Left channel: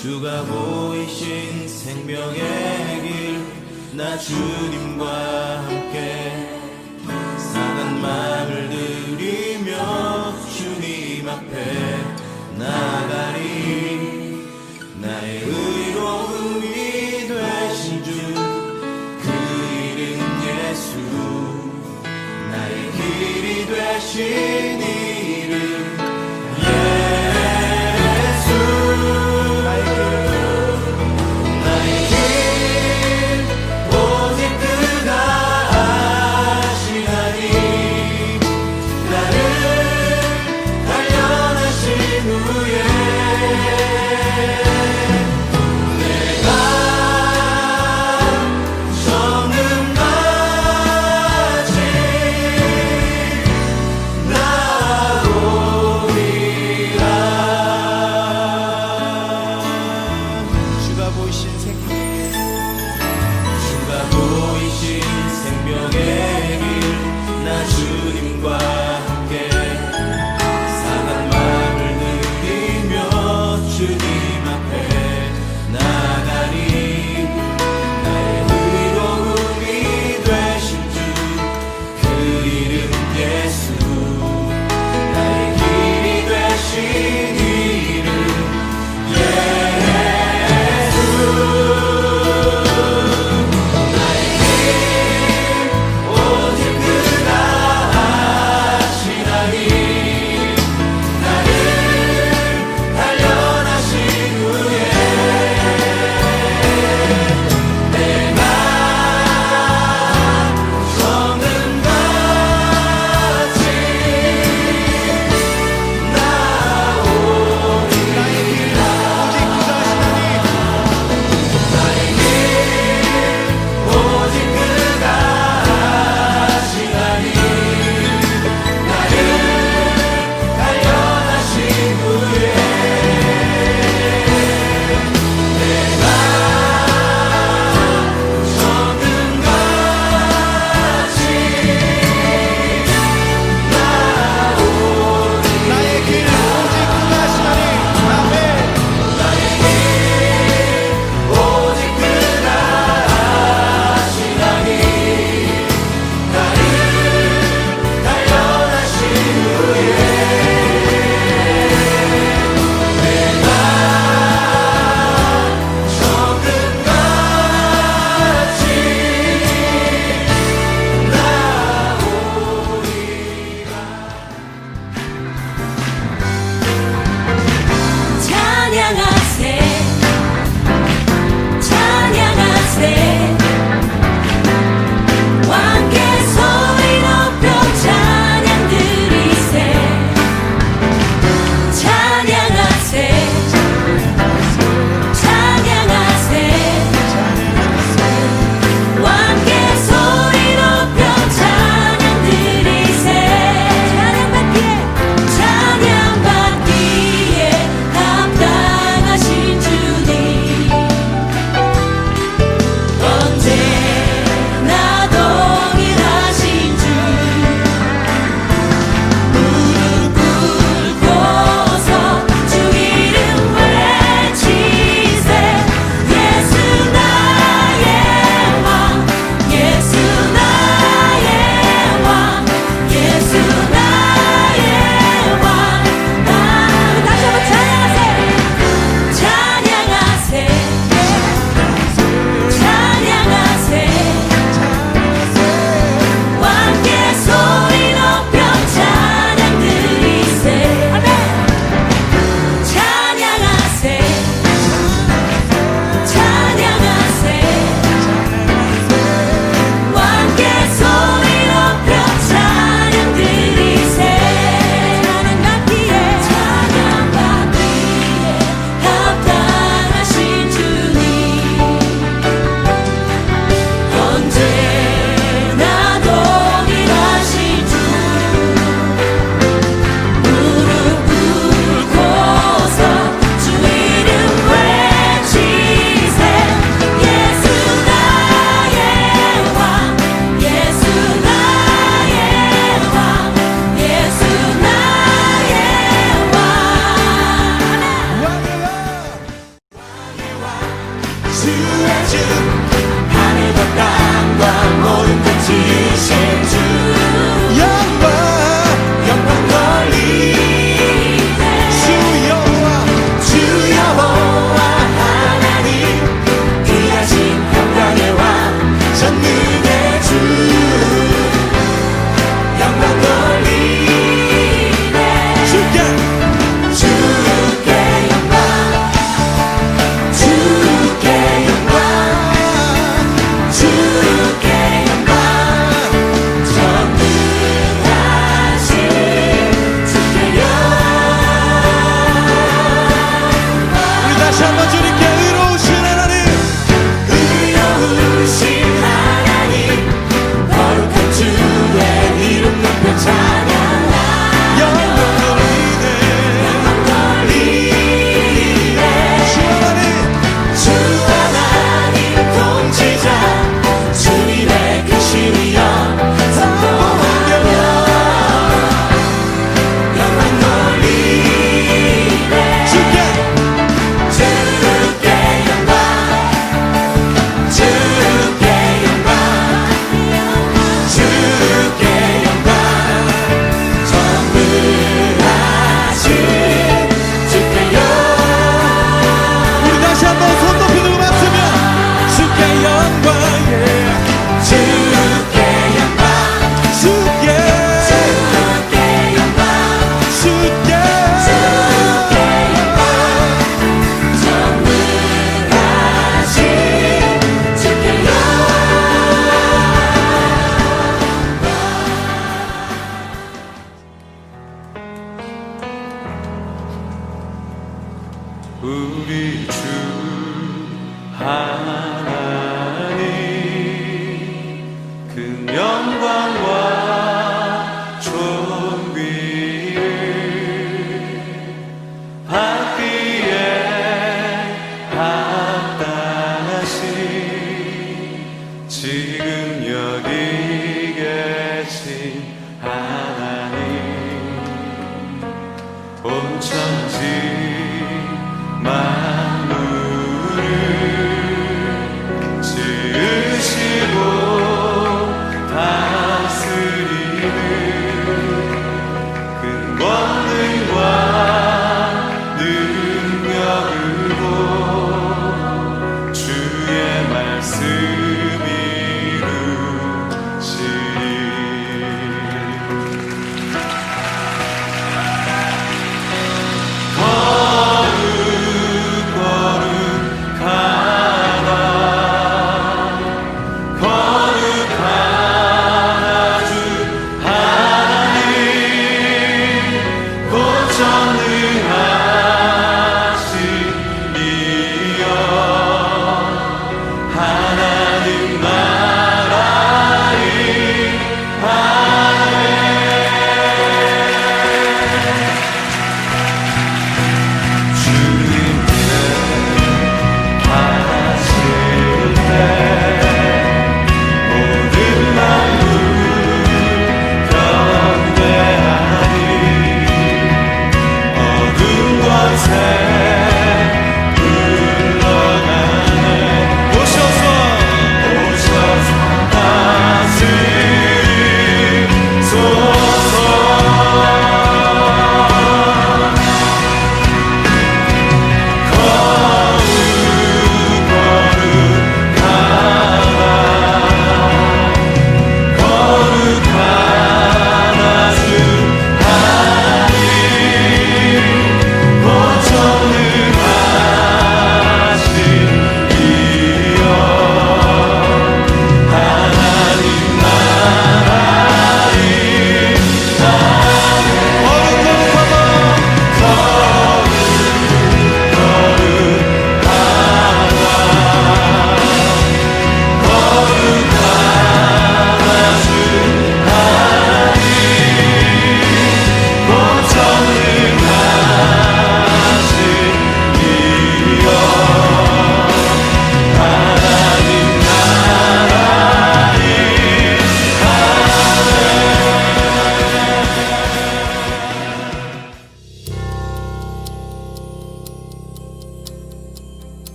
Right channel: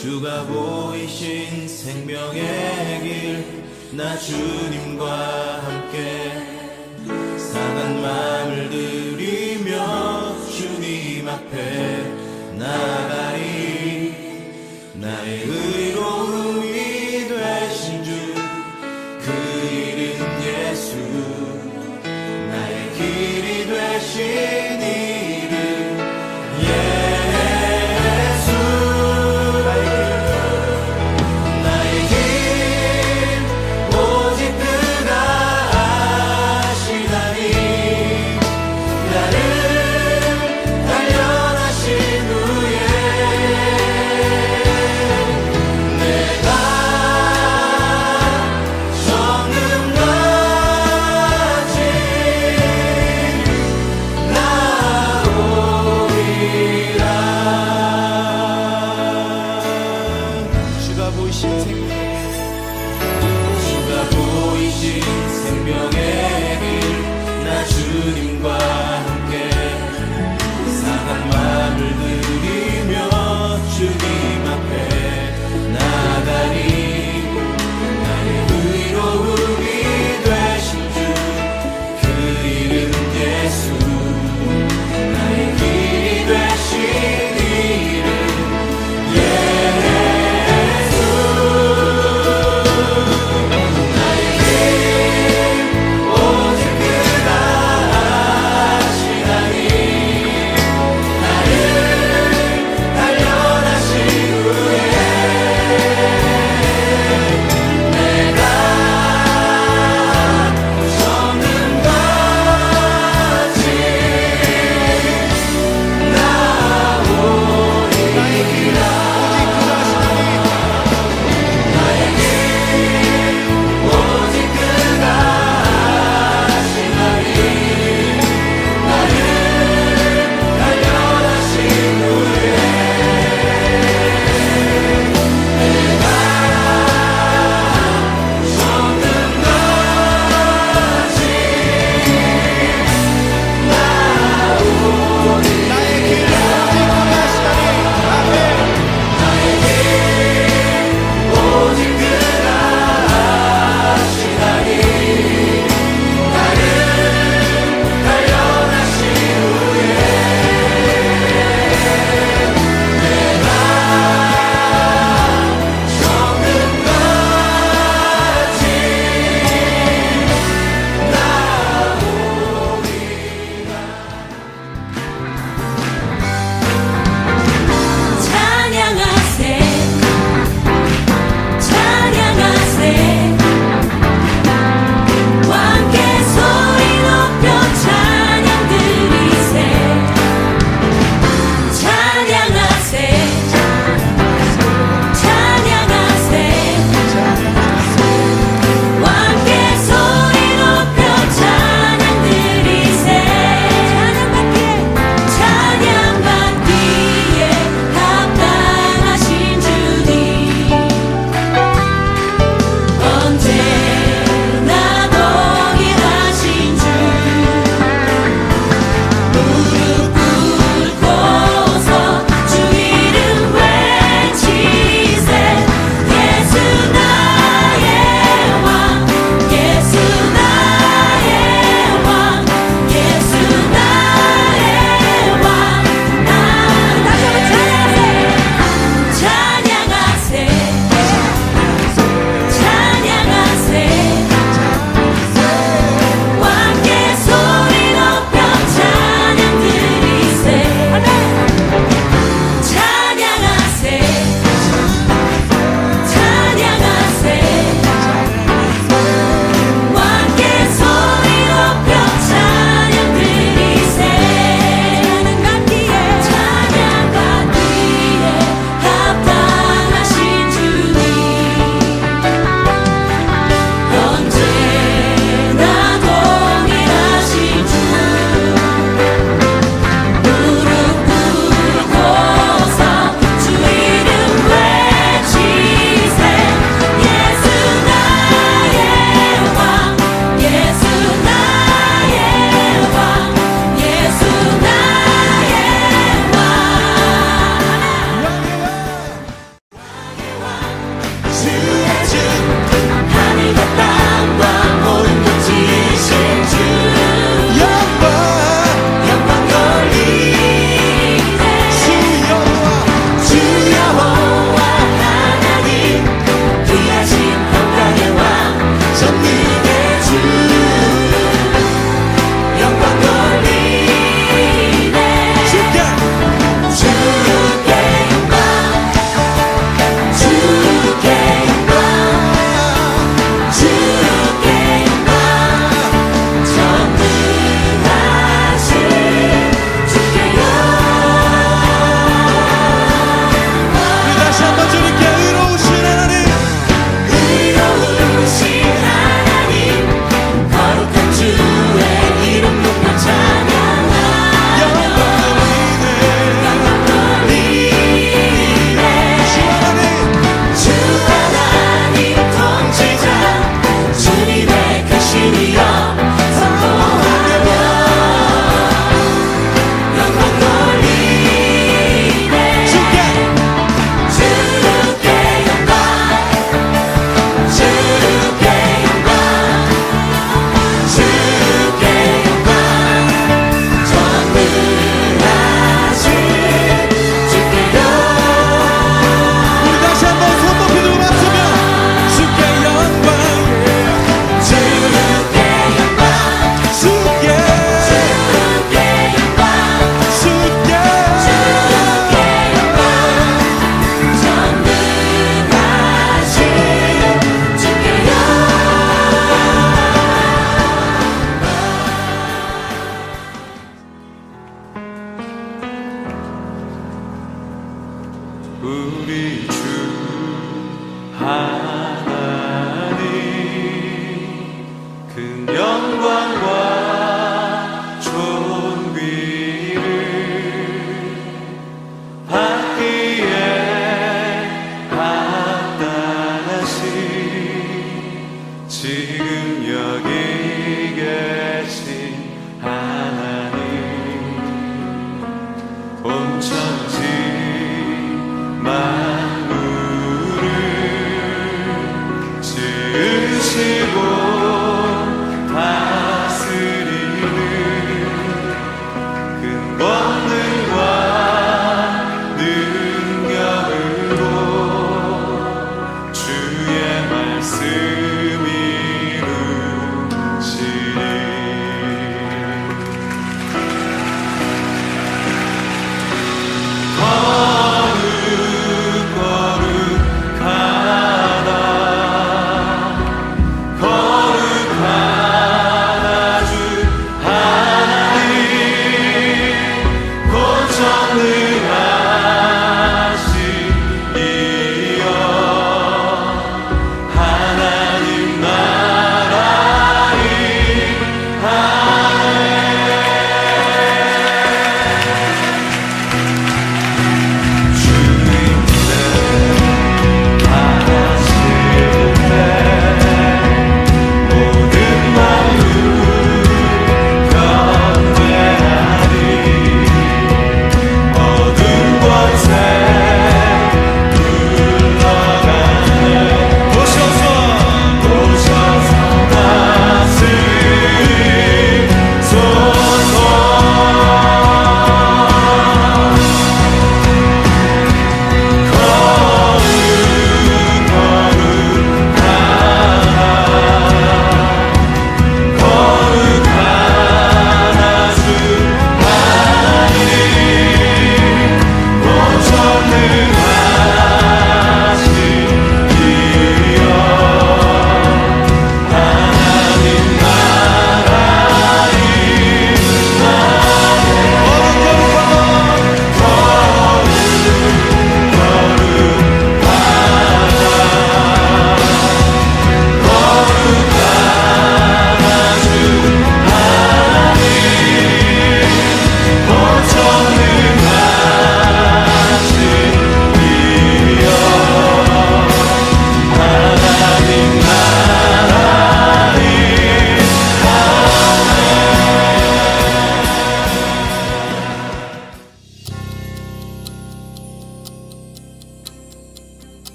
주가 보이신 생명의 길, 나 주님과 함께 상한 마음을 들이며 주님 앞에 나가리. 나의 의로움이 되신 주, 그 이름 예수, 나의 길이 되신 이름 예수. 나의 길 오직 그가 아시나니, 나를 단련하신 후에 내가 정금같이 나아갈 영광과 존귀를 받기에 합당하신 지금 여기 계신 하나님, 온 천지 만물을 지으시고 다스리는 큰 권능과 능력으로 주의 말씀 이루시리.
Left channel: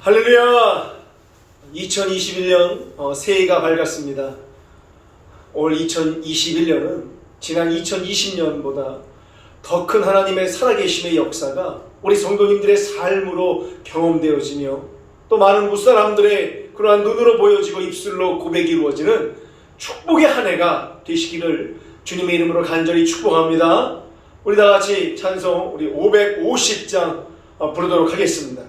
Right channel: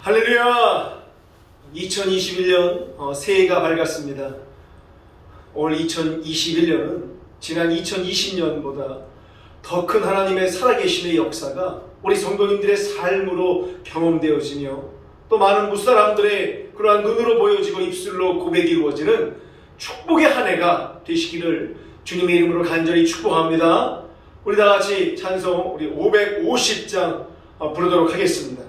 할렐루야! 2021년 새해가 밝았습니다. 올 2021년은 지난 2020년보다 더 큰 하나님의 살아계심의 역사가 우리 성도님들의 삶으로 경험되어지며 또 많은 무사람들의 그러한 눈으로 보여지고 입술로 고백이 이루어지는 축복의 한 해가 되시기를 주님의 이름으로 간절히 축복합니다. 우리 다 같이 찬송 우리 550장 부르도록 하겠습니다.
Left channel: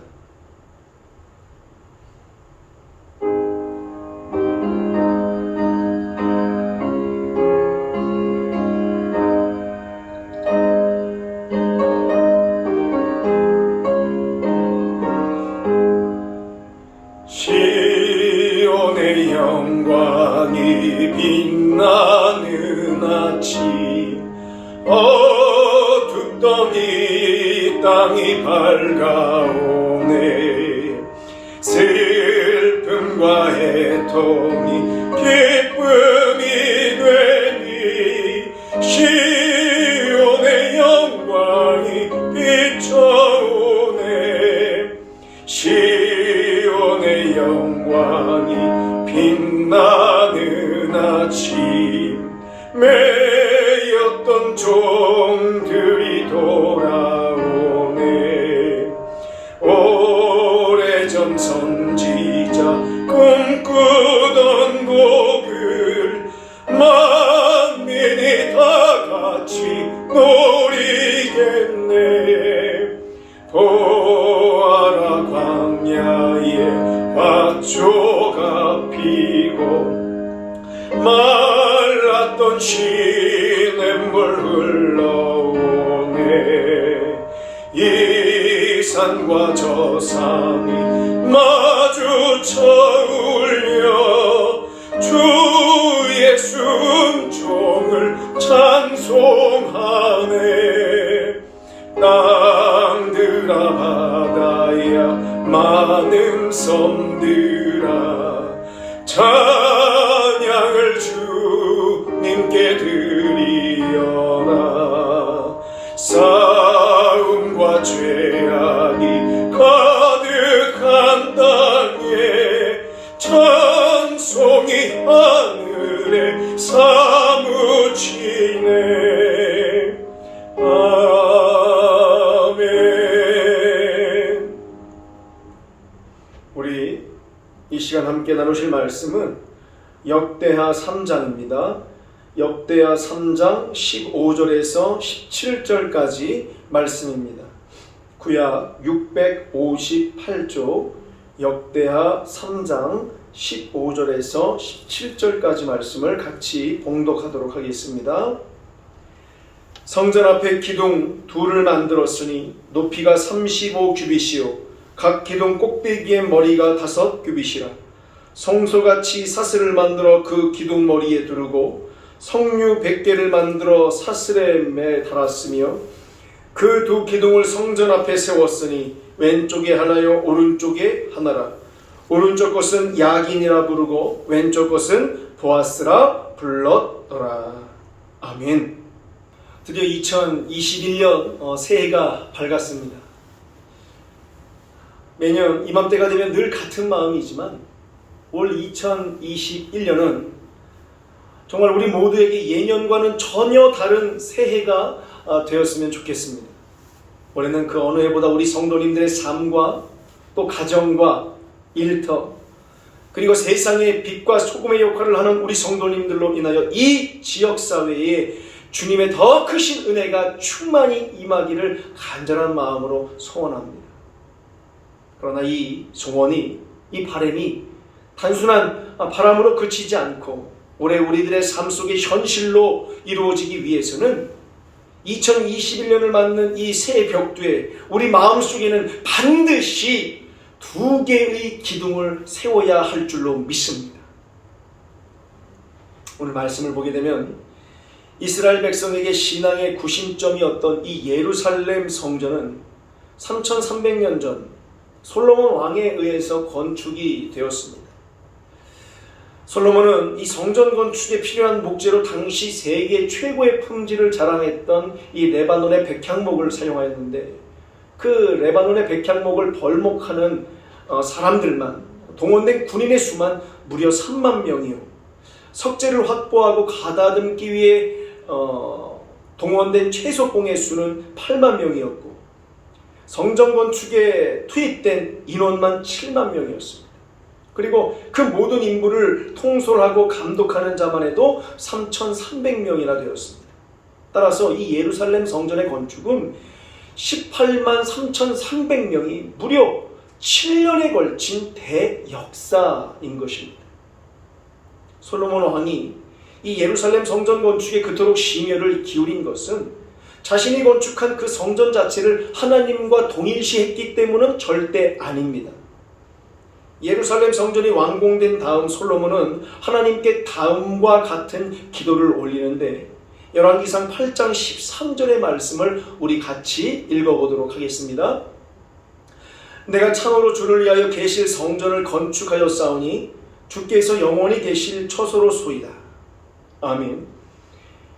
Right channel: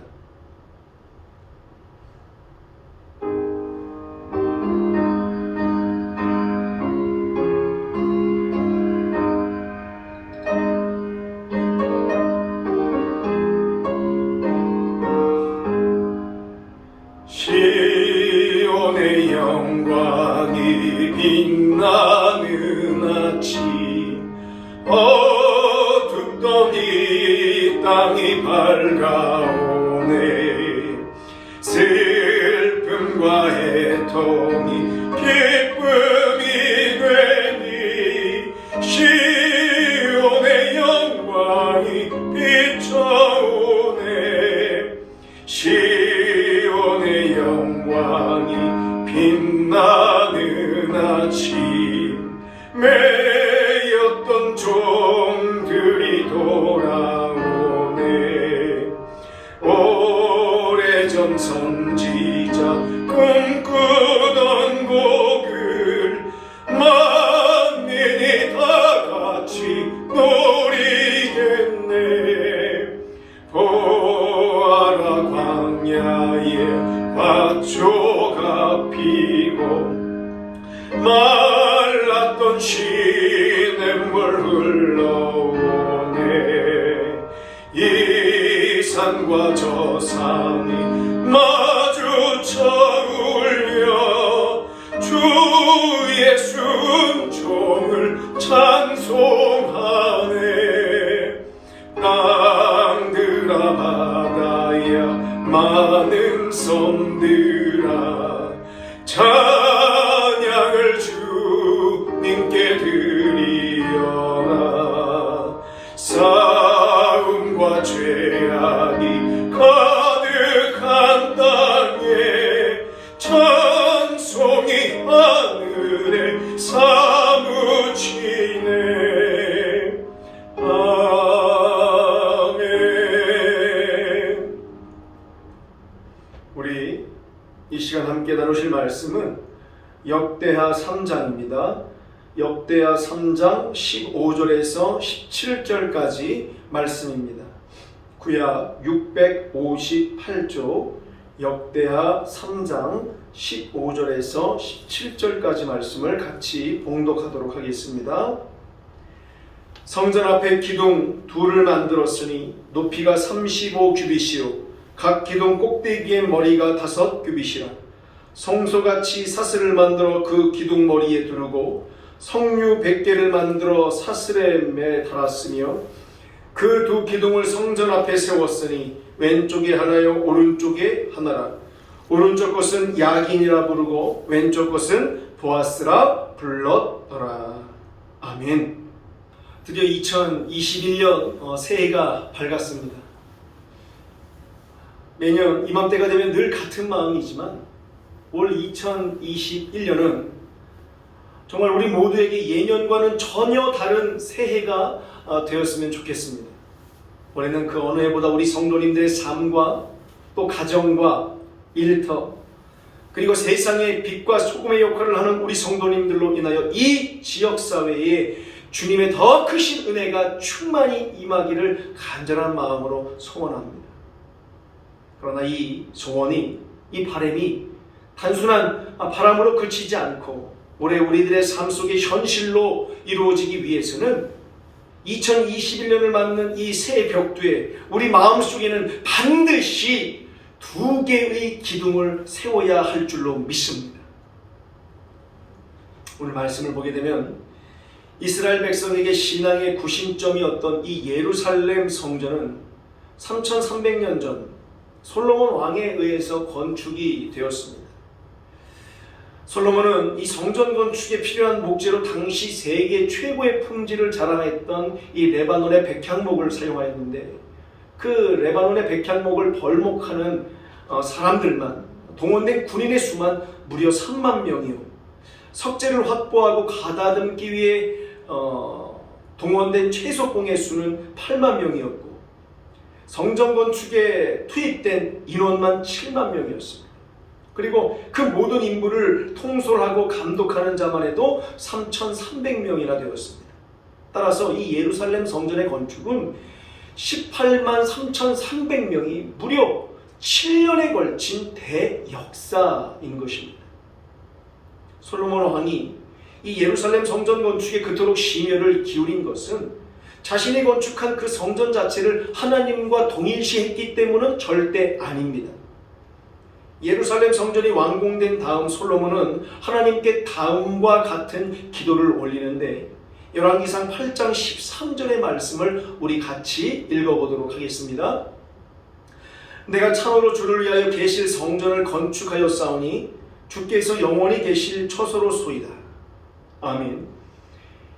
시온의 영광이 빛나는 아침, 어둡던 이 땅이 밝아오네. 슬픔과 애통이 기쁨이 되니 시온의 영광이 비춰오네. 시온의 영광이 빛나는 아침, 매였던 종들이 돌아오네. 오래전 선지자 꿈꾸던 복을 만민이 다같이 누리겠네. 보아라, 광야에 밭초가 피고 말랐던 시냇물 흘러오네. 이 산과 저 산이 마주쳐 울려 주의 순종을 찬송하네. 땅들아 바다야 많은 섬들아 찬양을 주님께 드리어라. 싸움과 죄악이 가득한 땅에 찬송이 하늘에 사무치네. 아멘. 우리 이 시간 함께 나누실 말씀은 역대하 3장입니다. 역대하 3장 15절에서 17절까지 말씀입니다. 구약 658조 역대하 3장 15절에서 17절까지 말씀을 같이 봉독하도록 하겠습니다. 성전 앞에 기둥 둘을 만들었으니 높이가 35규빗이요 각 기둥 꼭대기의 머리가 5규빗이라. 성소같이 사슬을 만들어 그 기둥 머리에 두르고 석류 100개를 만들어 사슬에 매 달았으며 그 두 기둥을 성전 앞에 세웠으니 왼쪽에 하나요 오른쪽에 하나라. 오른쪽 것은 야긴이라 부르고 왼쪽 것은 보아스라 불렀더라. 아멘. 드디어 2021년 새해가 밝았습니다. 매년 이맘때가 되면 늘 같은 마음이지만 올 2021년은 정말 우리 모두에게 예년과는 전혀 다른 새해가 되었으면 좋겠습니다. 올해는 그 어느 해보다 우리 성도님들의 삶과 또 가정과 일터 그리고 세상의 빛과 소금의 역할을 하는 우리 성도님들로 인하여 이 지역사회에 주님의 더 크신 은혜가 충만히 임하기를 간절한 마음으로 소원합니다. 그러나 이 소원이, 이 바람이 단순한 바람으로 그치지 않고 올해 우리들의 삶 속의 현실로 이루어지기 위해서는 2021년을 맞는 이 새해 벽두에 우리 마음속에는 반드시 2개의 기둥을 세워야 할 줄로 믿습니다. 오늘 말씀을 보게 되면 이스라엘 백성에게 신앙의 구심점이었던 이 예루살렘 성전은 3300년 전 솔로몬 왕에 의해서 건축이 되었습니다. 솔로몬은 이 성전 건축에 필요한 목재로 당시 세계 최고의 품질을 자랑했던 이 레바논의 백향목을 사용하였는데 그 레바논의 백향목을 벌목하는 사람들만 동원된 군인의 수만 무려 3만 명이요 석재를 확보하고 가다듬기 위해 동원된 최소공의 수는 8만 명이었고 성전 건축에 투입된 인원만 7만 명이었습니다. 그리고 그 모든 인부를 통솔하고 감독하는 자만 해도 3,300명이나 되었습니다. 따라서 이 예루살렘 성전의 건축은 18만 3,300명이 무려 7년에 걸친 대역사인 것입니다. 솔로몬 왕이 이 예루살렘 성전 건축에 그토록 심혈을 기울인 것은 자신이 건축한 그 성전 자체를 하나님과 동일시했기 때문은 절대 아닙니다. 예루살렘 성전이 완공된 다음 솔로몬은 하나님께 다음과 같은 기도를 올리는데 열왕기상 8장 13절의 말씀을 우리 같이 읽어보도록 하겠습니다. 내가 참으로 주를 위하여 계실 성전을 건축하였사오니 주께서 영원히 계실 처소로소이다. 아멘.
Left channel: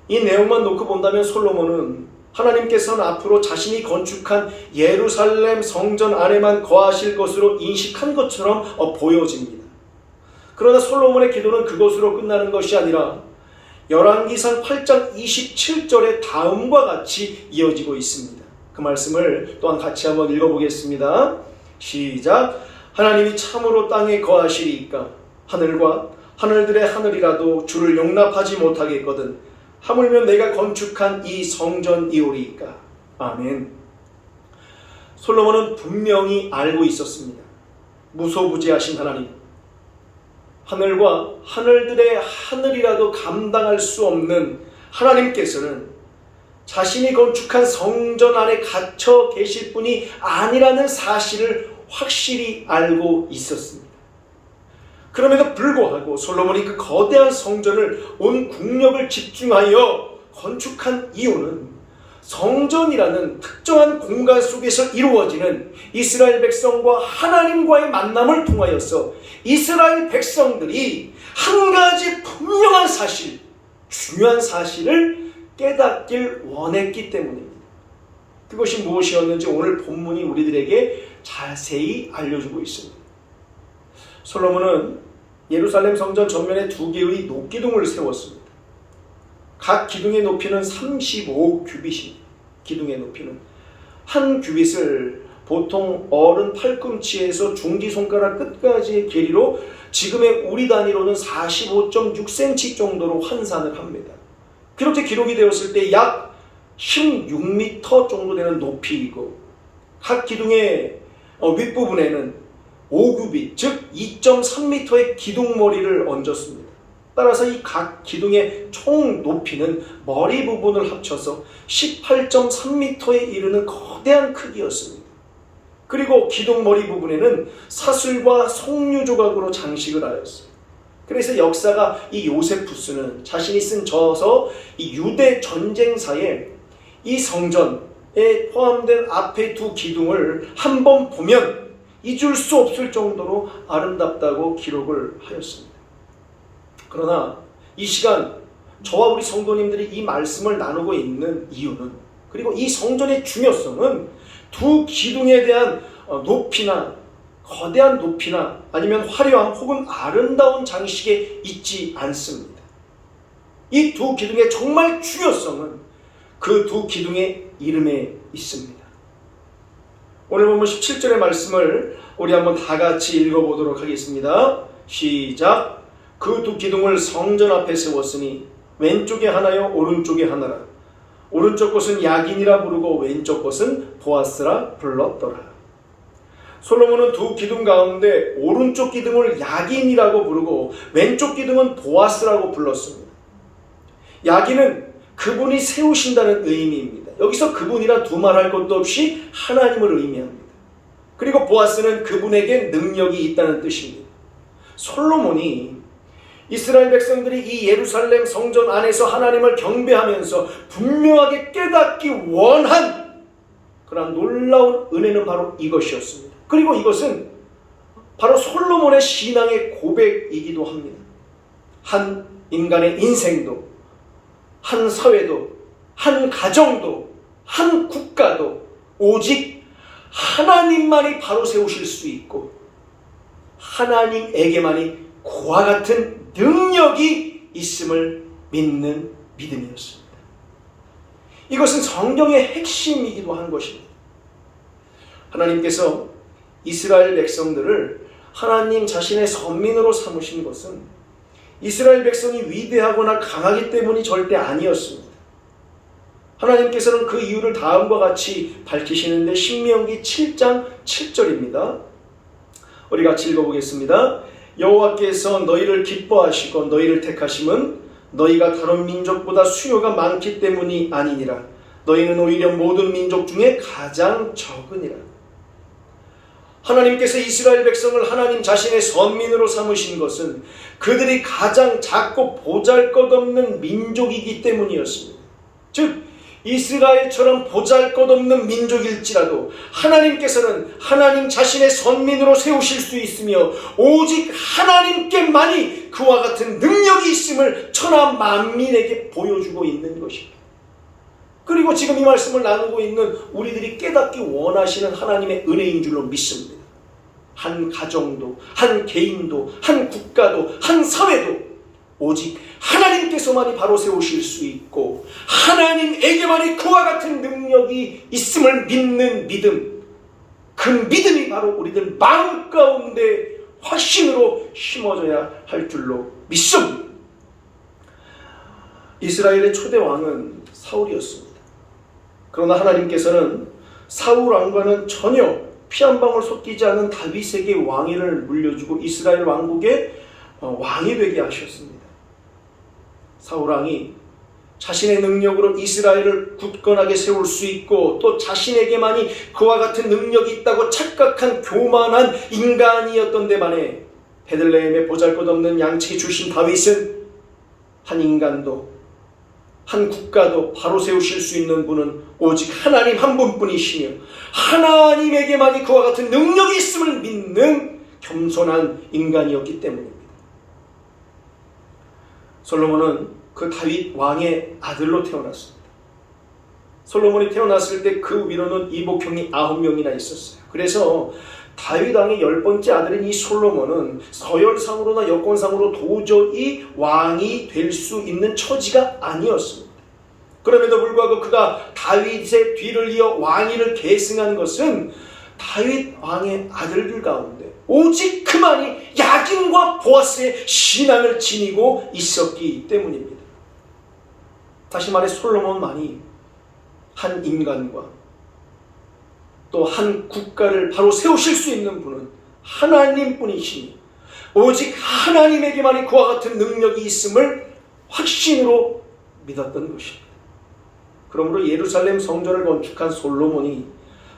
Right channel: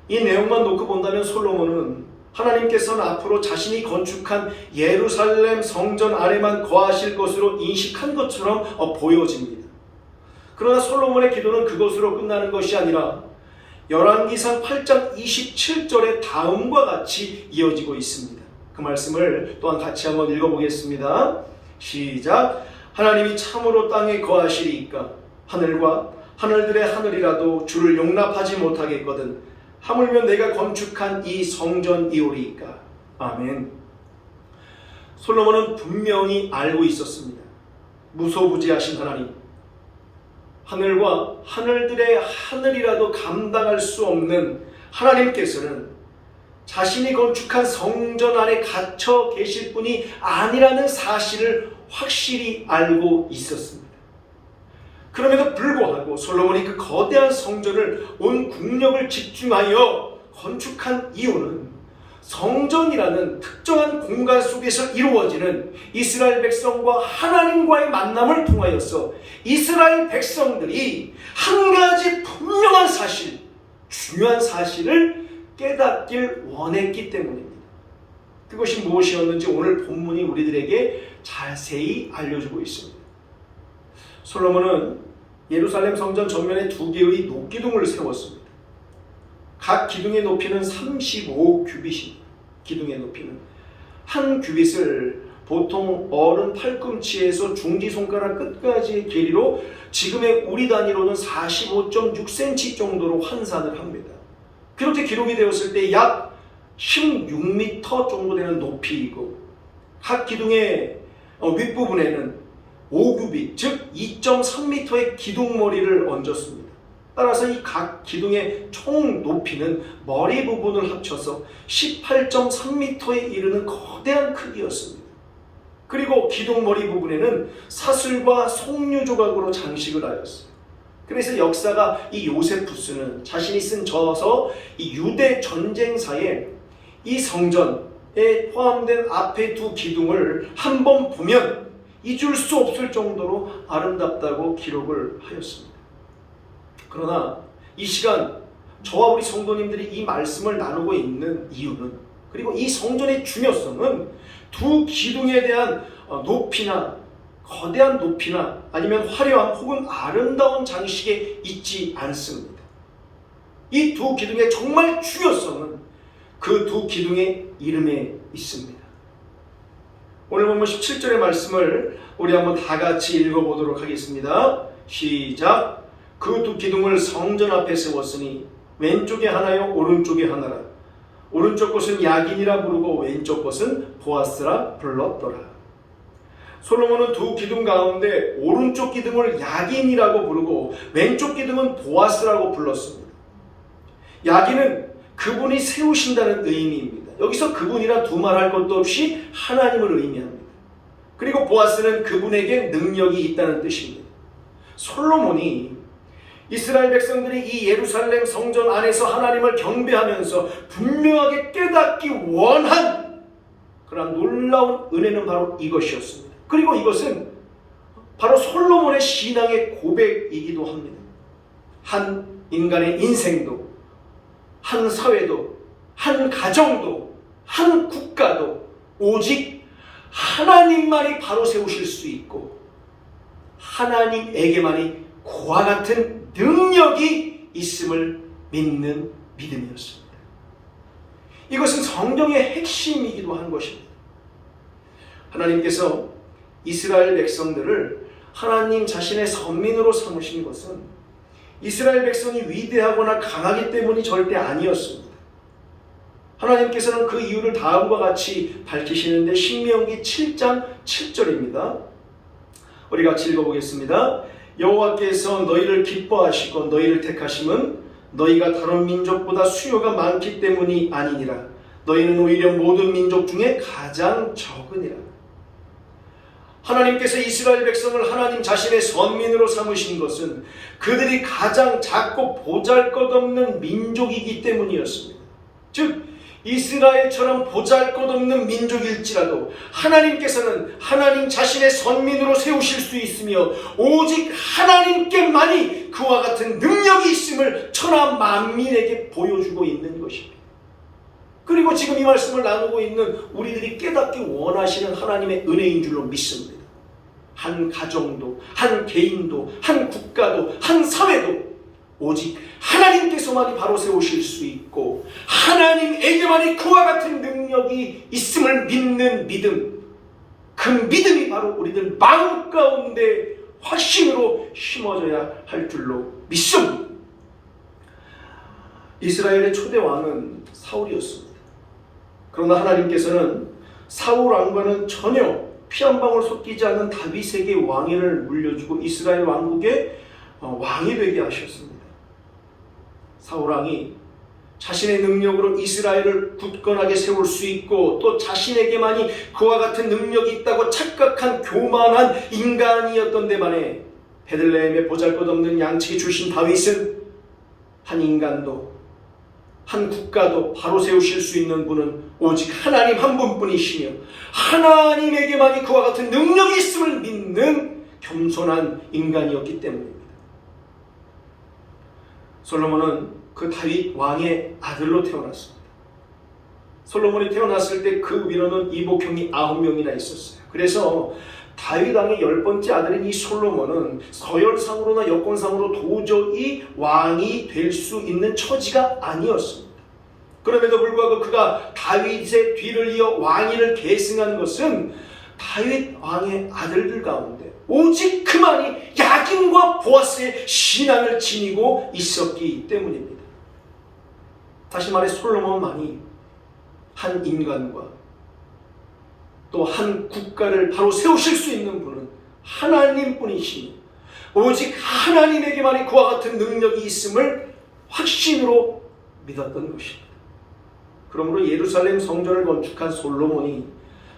이 내용만 놓고 본다면 솔로몬은 하나님께서는 앞으로 자신이 건축한 예루살렘 성전 안에만 거하실 것으로 인식한 것처럼 보여집니다. 그러나 솔로몬의 기도는 그것으로 끝나는 것이 아니라 열왕기상 8장 27절의 다음과 같이 이어지고 있습니다. 그 말씀을 또한 같이 한번 읽어보겠습니다. 시작. 하나님이 참으로 땅에 거하시리이까 하늘과 하늘들의 하늘이라도 주를 용납하지 못하겠거든 하물며 내가 건축한 이 성전이오리이까. 아멘. 솔로몬은 분명히 알고 있었습니다. 무소부지하신 하나님, 하늘과 하늘들의 하늘이라도 감당할 수 없는 하나님께서는 자신이 건축한 성전 안에 갇혀 계실 분이 아니라는 사실을 확실히 알고 있었습니다. 그럼에도 불구하고 솔로몬이 그 거대한 성전을 온 국력을 집중하여 건축한 이유는 성전이라는 특정한 공간 속에서 이루어지는 이스라엘 백성과 하나님과의 만남을 통하여서 이스라엘 백성들이 한 가지 분명한 사실, 중요한 사실을 깨닫길 원했기 때문입니다. 그것이 무엇이었는지 오늘 본문이 우리들에게 자세히 알려주고 있습니다. 솔로몬은 예루살렘 성전 전면에 2개의 녹기둥을 세웠습니다. 각 기둥의 높이는 35규빗입니다. 기둥의 높이는 한 규빗을 보통 어른 팔꿈치에서 중지손가락 끝까지의 길이로 지금의 우리 단위로는 45.6cm 정도로 환산을 합니다. 그렇게 기록이 되었을 때 약 16m 정도 되는 높이이고 각 기둥의 윗부분에는 5규빗, 즉 2.3m의 기둥머리를 얹었습니다. 따라서 이 각 기둥의 총 높이는 머리 부분을 합쳐서 18.3m에 이르는 거대한 크기였습니다. 그리고 기둥머리 부분에는 사슬과 석류 조각으로 장식을 하였어요. 그래서 역사가 이 요세푸스는 자신이 쓴 저서 이 유대 전쟁사에 이 성전에 포함된 앞에 2 기둥을 한번 보면 잊을 수 없을 정도로 아름답다고 기록을 하였습니다. 그러나 이 시간 저와 우리 성도님들이 이 말씀을 나누고 있는 이유는, 그리고 이 성전의 중요성은 2 기둥에 대한 높이나 거대한 높이나 아니면 화려함 혹은 아름다운 장식에 있지 않습니다. 이 2 기둥의 정말 중요성은 그 2 기둥의 이름에 있습니다. 오늘 보면 17절의 말씀을 우리 한번 다 같이 읽어보도록 하겠습니다. 시작. 그 2 기둥을 성전 앞에 세웠으니 왼쪽에 하나요 오른쪽에 하나라. 오른쪽 것은 야긴이라 부르고 왼쪽 것은 보아스라 불렀더라. 솔로몬은 2 기둥 가운데 오른쪽 기둥을 야긴이라고 부르고 왼쪽 기둥은 보아스라고 불렀습니다. 야긴은 그분이 세우신다는 의미입니다. 여기서 그분이라 두말할 것도 없이 하나님을 의미합니다. 그리고 보아스는 그분에게 능력이 있다는 뜻입니다. 솔로몬이 이스라엘 백성들이 이 예루살렘 성전 안에서 하나님을 경배하면서 분명하게 깨닫기 원한 그런 놀라운 은혜는 바로 이것이었습니다. 그리고 이것은 바로 솔로몬의 신앙의 고백이기도 합니다. 한 인간의 인생도, 한 사회도, 한 가정도, 한 국가도 오직 하나님만이 바로 세우실 수 있고 하나님에게만이 그와 같은 능력이 있음을 믿는 믿음이었습니다. 이것은 성경의 핵심이기도 한 것입니다. 하나님께서 이스라엘 백성들을 하나님 자신의 선민으로 삼으신 것은 이스라엘 백성이 위대하거나 강하기 때문이 절대 아니었습니다. 하나님께서는 그 이유를 다음과 같이 밝히시는데 신명기 7장 7절입니다. 우리 같이 읽어보겠습니다. 여호와께서 너희를 기뻐하시고 너희를 택하심은 너희가 다른 민족보다 수요가 많기 때문이 아니니라. 너희는 오히려 모든 민족 중에 가장 적으니라. 하나님께서 이스라엘 백성을 하나님 자신의 선민으로 삼으신 것은 그들이 가장 작고 보잘것없는 민족이기 때문이었습니다. 즉 이스라엘처럼 보잘것없는 민족일지라도 하나님께서는 하나님 자신의 선민으로 세우실 수 있으며 오직 하나님께만이 그와 같은 능력이 있음을 천하 만민에게 보여주고 있는 것입니다. 그리고 지금 이 말씀을 나누고 있는 우리들이 깨닫기 원하시는 하나님의 은혜인 줄로 믿습니다. 한 가정도, 한 개인도, 한 국가도, 한 사회도 오직 하나님께서만이 바로 세우실 수 있고 하나님에게만이 그와 같은 능력이 있음을 믿는 믿음, 그 믿음이 바로 우리들 마음 가운데 확신으로 심어져야 할 줄로 믿습니다. 이스라엘의 초대 왕은 사울이었습니다. 그러나 하나님께서는 사울 왕과는 전혀 피 한 방울 섞이지 않은 다윗에게 왕위를 물려주고 이스라엘 왕국의 왕이 되게 하셨습니다. 사울 왕이 자신의 능력으로 이스라엘을 굳건하게 세울 수 있고 또 자신에게만이 그와 같은 능력이 있다고 착각한 교만한 인간이었던 데 반해 베들레헴에 보잘것없는 양치기 출신 다윗은 한 인간도 한 국가도 바로 세우실 수 있는 분은 오직 하나님 한 분뿐이시며 하나님에게만이 그와 같은 능력이 있음을 믿는 겸손한 인간이었기 때문입니다. 솔로몬은 그 다윗 왕의 아들로 태어났습니다. 솔로몬이 태어났을 때 그 위로는 이복형이 9명이나 있었어요. 그래서 다윗 왕의 10번째 아들인 이 솔로몬은 서열상으로나 여권상으로 도저히 왕이 될 수 있는 처지가 아니었습니다. 그럼에도 불구하고 그가 다윗의 뒤를 이어 왕위를 계승한 것은 다윗 왕의 아들들 가운데 오직 그만이 야긴과 보아스의 신앙을 지니고 있었기 때문입니다. 다시 말해 솔로몬만이 한 인간과 또 한 국가를 바로 세우실 수 있는 분은 하나님뿐이시니 오직 하나님에게만이 그와 같은 능력이 있음을 확신으로 믿었던 것입니다. 그러므로 예루살렘 성전을 건축한 솔로몬이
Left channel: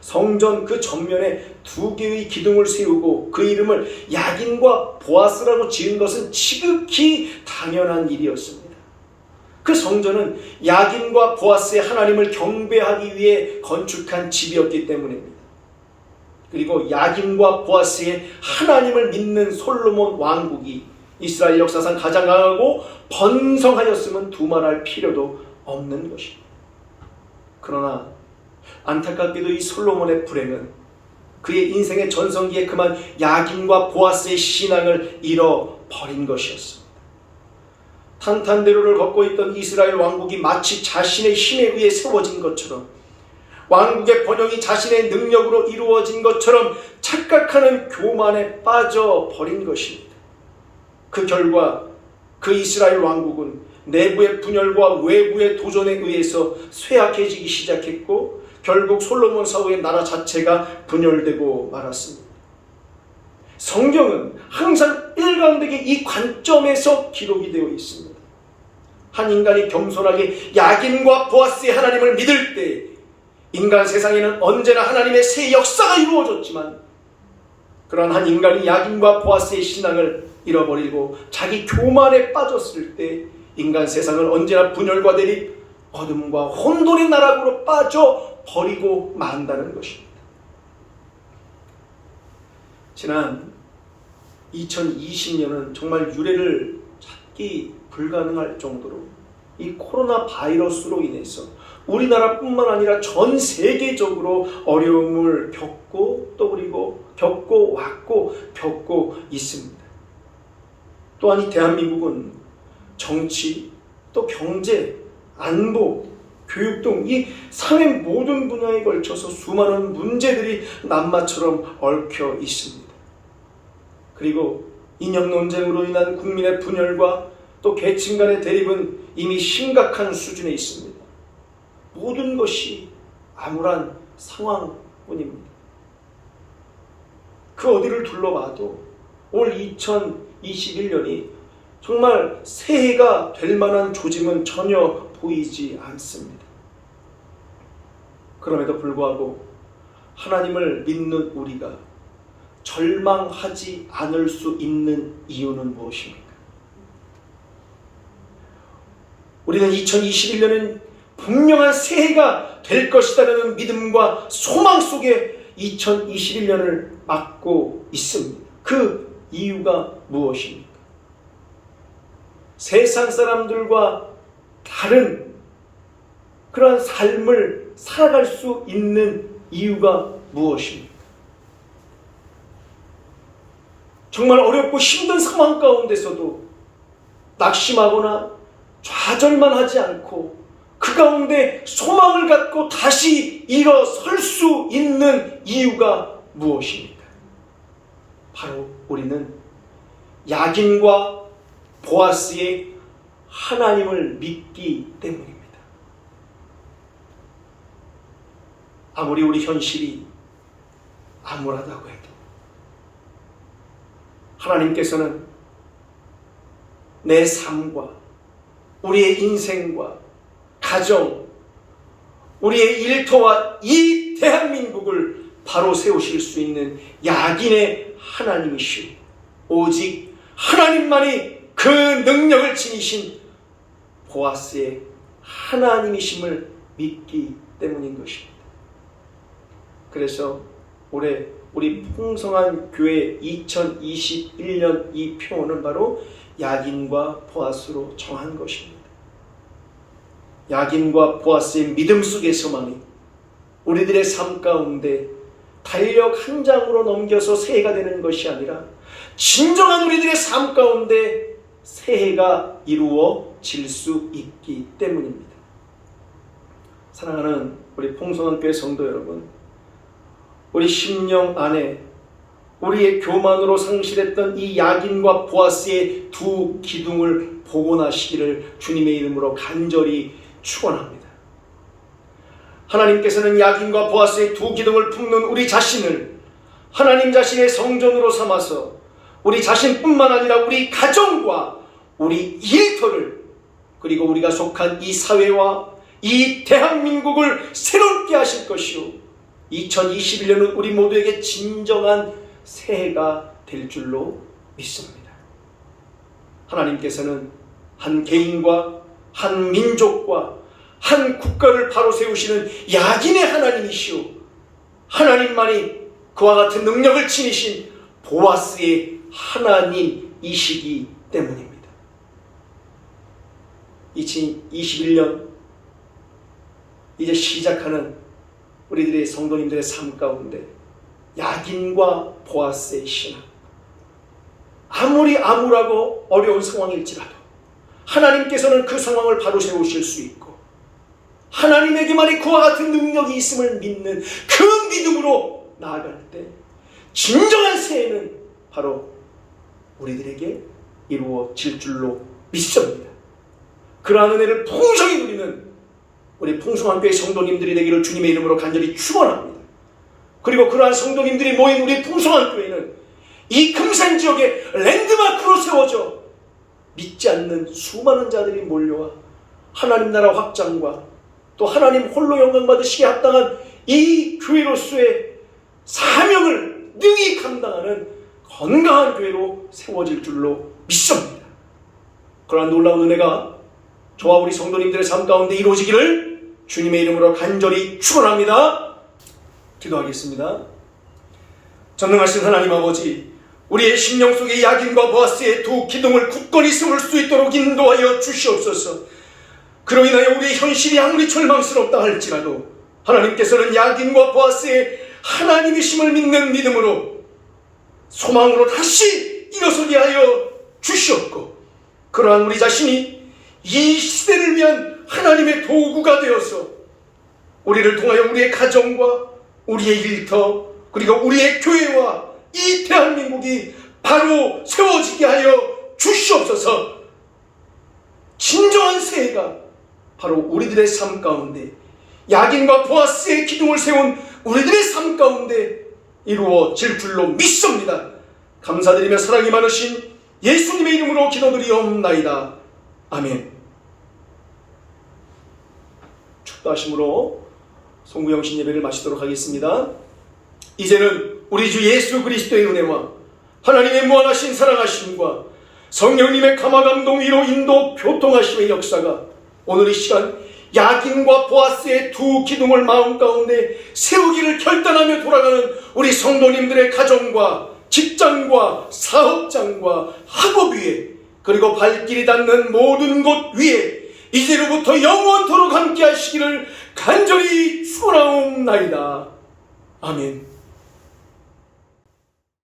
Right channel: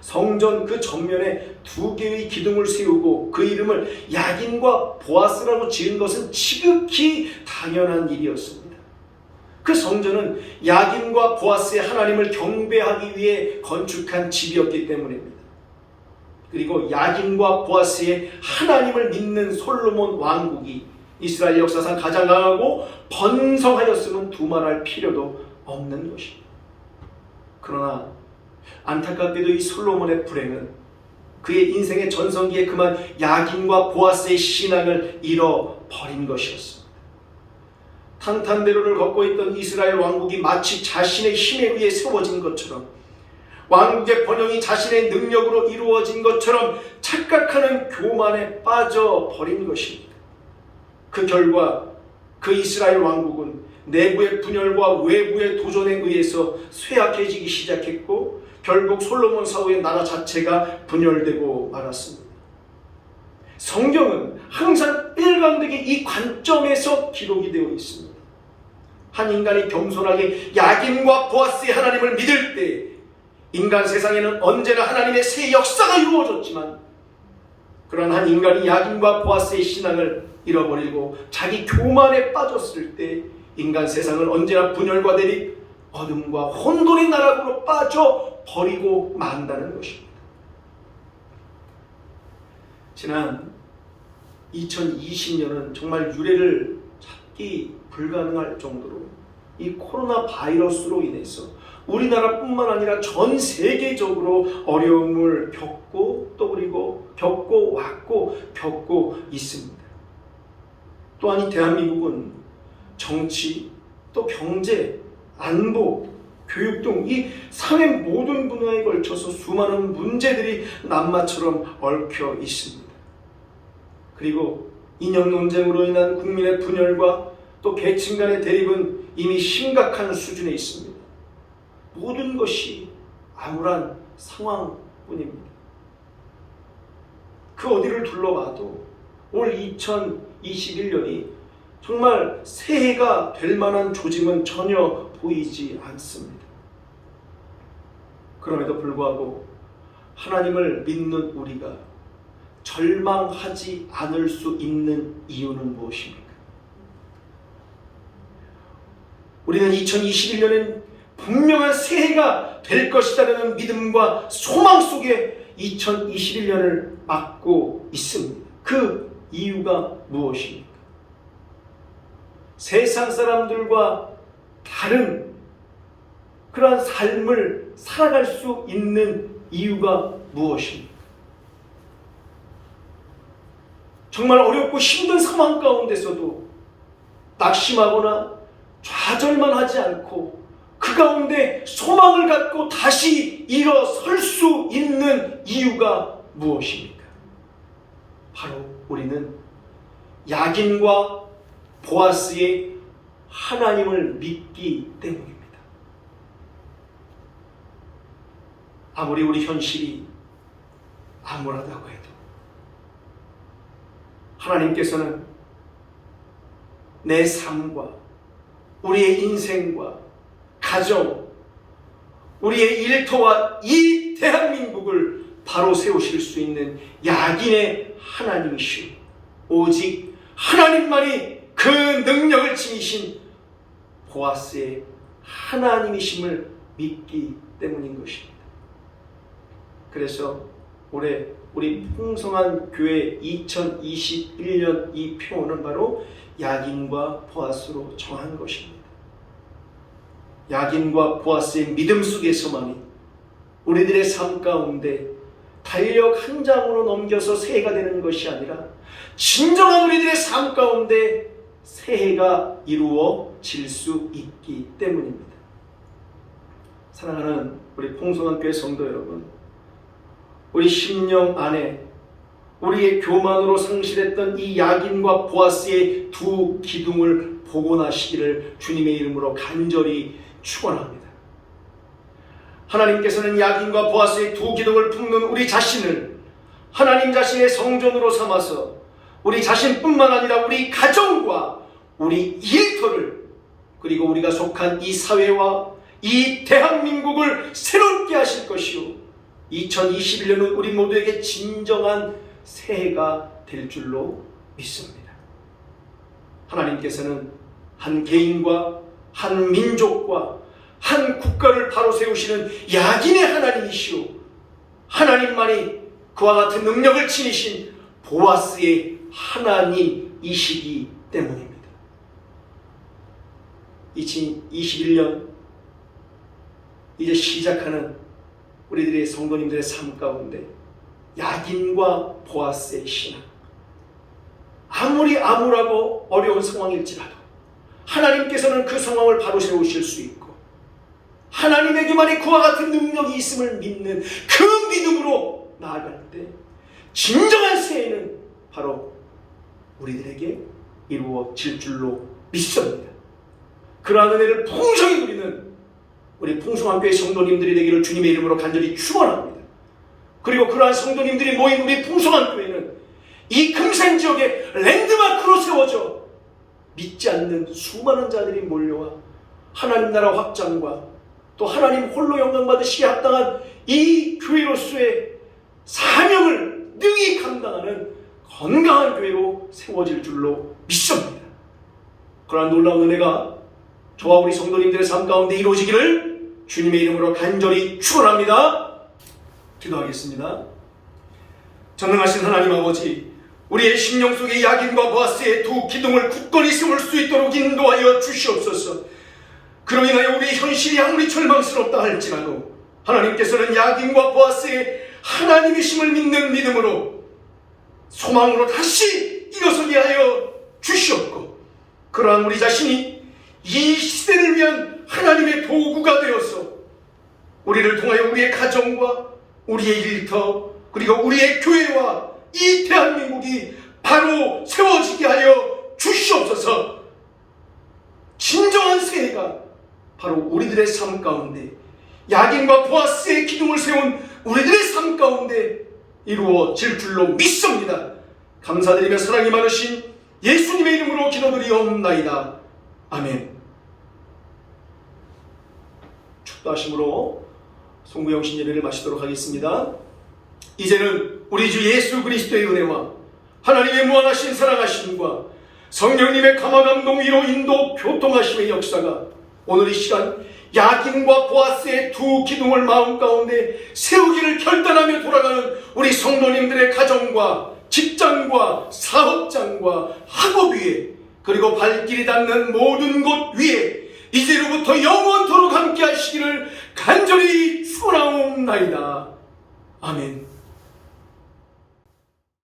성전 그 전면에 2개의 기둥을 세우고 그 이름을 야긴과 보아스라고 지은 것은 지극히 당연한 일이었습니다. 그 성전은 야긴과 보아스의 하나님을 경배하기 위해 건축한 집이었기 때문입니다. 그리고 야긴과 보아스의 하나님을 믿는 솔로몬 왕국이 이스라엘 역사상 가장 강하고 번성하였음은 두말할 필요도 없는 것입니다. 그러나 안타깝게도 이 솔로몬의 불행은 그의 인생의 전성기에 그만 야긴과 보아스의 신앙을 잃어버린 것이었습니다. 탄탄대로를 걷고 있던 이스라엘 왕국이 마치 자신의 힘에 의해 세워진 것처럼 왕국의 번영이 자신의 능력으로 이루어진 것처럼 착각하는 교만에 빠져버린 것입니다. 그 결과 그 이스라엘 왕국은 내부의 분열과 외부의 도전에 의해서 쇠약해지기 시작했고 결국 솔로몬 사후의 나라 자체가 분열되고 말았습니다. 성경은 항상 일관되게 이 관점에서 기록이 되어 있습니다. 한 인간이 겸손하게 야긴과 보아스의 하나님을 믿을 때 인간 세상에는 언제나 하나님의 새 역사가 이루어졌지만 그러한 한 인간이 야긴과 보아스의 신앙을 잃어버리고 자기 교만에 빠졌을 때 인간 세상은 언제나 분열과 대립, 어둠과 혼돈의 나락으로 빠져버리고 만다는 것입니다. 지난 2020년은 정말 유례를 찾기 불가능할 정도로 이 코로나 바이러스로 인해서 우리나라뿐만 아니라 전 세계적으로 어려움을 겪고 또 그리고 겪고 왔고 겪고 있습니다. 또한 이 대한민국은 정치, 또 경제, 안보, 교육 등 이 사회 모든 분야에 걸쳐서 수많은 문제들이 남마처럼 얽혀 있습니다. 그리고 이념 논쟁으로 인한 국민의 분열과 또 계층 간의 대립은 이미 심각한 수준에 있습니다. 모든 것이 암울한 상황뿐입니다. 그 어디를 둘러봐도 올 2021년이 정말 새해가 될 만한 조짐은 전혀 보이지 않습니다. 그럼에도 불구하고 하나님을 믿는 우리가 절망하지 않을 수 있는 이유는 무엇입니까? 우리는 2021년은 분명한 새해가 될 것이라는 믿음과 소망 속에 2021년을 맞고 있습니다. 그 이유가 무엇입니까? 세상 사람들과 다른 그러한 삶을 살아갈 수 있는 이유가 무엇입니까? 정말 어렵고 힘든 상황 가운데서도 낙심하거나 좌절만 하지 않고 그 가운데 소망을 갖고 다시 일어설 수 있는 이유가 무엇입니까? 바로 우리는 야긴과 보아스의 하나님을 믿기 때문입니다. 아무리 우리 현실이 암울하다고 해도 하나님께서는 내 삶과 우리의 인생과 가정, 우리의 일터와 이 대한민국을 바로 세우실 수 있는 야긴의 하나님이시오. 오직 하나님만이 그 능력을 지니신 보아스의 하나님이심을 믿기 때문인 것입니다. 그래서 올해 우리 풍성한 교회 2021년 이 표어는 바로 야긴과 보아스로 정한 것입니다. 야긴과 보아스의 믿음 속에서만이 우리들의 삶 가운데 달력 한 장으로 넘겨서 새해가 되는 것이 아니라 진정한 우리들의 삶 가운데 새해가 이루어질 수 있기 때문입니다. 사랑하는 우리 풍성한 교회 성도 여러분, 우리 심령 안에 우리의 교만으로 상실했던 이 야긴과 보아스의 두 기둥을 복원하시기를 주님의 이름으로 간절히 축원합니다. 하나님께서는 야긴과 보아스의 두 기둥을 품는 우리 자신을 하나님 자신의 성전으로 삼아서 우리 자신뿐만 아니라 우리 가정과 우리 일터를 그리고 우리가 속한 이 사회와 이 대한민국을 새롭게 하실 것이요 2021년은 우리 모두에게 진정한 새해가 될 줄로 믿습니다. 하나님께서는 한 개인과 한 민족과 한 국가를 바로 세우시는 야긴의 하나님이시오. 하나님만이 그와 같은 능력을 지니신 보아스의 하나님이시기 때문입니다. 2021년 이제 시작하는 우리들의 성도님들의 삶 가운데 야긴과 보아스의 신앙, 아무리 암울하고 어려운 상황일지라도 하나님께서는 그 상황을 바로 세우실 수 있고 하나님에게만이 그와 같은 능력이 있음을 믿는 그 믿음으로 나아갈 때 진정한 새해는 바로 우리들에게 이루어질 줄로 믿습니다. 그러한 은혜를 풍성히 누리는 우리 풍성한 교회 성도님들이 되기를 주님의 이름으로 간절히 축원합니다. 그리고 그러한 성도님들이 모인 우리 풍성한 교회는 이 금산 지역에 랜드마크로 세워져 믿지 않는 수많은 자들이 몰려와 하나님 나라 확장과 또 하나님 홀로 영광 받으시기에 합당한 이 교회로서의 사명을 능히 감당하는 건강한 교회로 세워질 줄로 믿습니다. 그러한 놀라운 은혜가 저와 우리 성도님들의 삶 가운데 이루어지기를 주님의 이름으로 간절히 축원합니다. 기도하겠습니다. 전능하신 하나님 아버지, 우리의 심령 속에 야긴과 보아스의 두 기둥을 굳건히 세울 수 있도록 인도하여 주시옵소서. 그로 인하여 우리의 현실이 아무리 절망스럽다 할지라도 하나님께서는 야긴과 보아스의 하나님이심을 믿는 믿음으로 소망으로 다시 일어서게 하여 주시옵고, 그러한 우리 자신이 이 시대를 위한 하나님의 도구가 되어서 우리를 통하여 우리의 가정과 우리의 일터 그리고 우리의 교회와 이 대한민국이 바로 세워지게 하여 주시옵소서. 진정한 새해가 바로 우리들의 삶 가운데 야긴과 보아스의 기둥을 세운 우리들의 삶 가운데 이루어질 줄로 믿습니다. 감사드리며 사랑이 많으신 예수님의 이름으로 기도드리옵나이다. 아멘. 축도하심으로 송구영신 예배를 마치도록 하겠습니다. 이제는 우리 주 예수 그리스도의 은혜와 하나님의 무한하신 사랑하심과 성령님의 감화감동 위로 인도 교통하심의 역사가 오늘 이 시간 야긴과 보아스의 두 기둥을 마음 가운데 세우기를 결단하며 돌아가는 우리 성도님들의 가정과 직장과 사업장과 학업 위에, 그리고 발길이 닿는 모든 곳 위에 이제로부터 영원토록 함께 하시기를 간절히 축원하옵나이다. 아멘.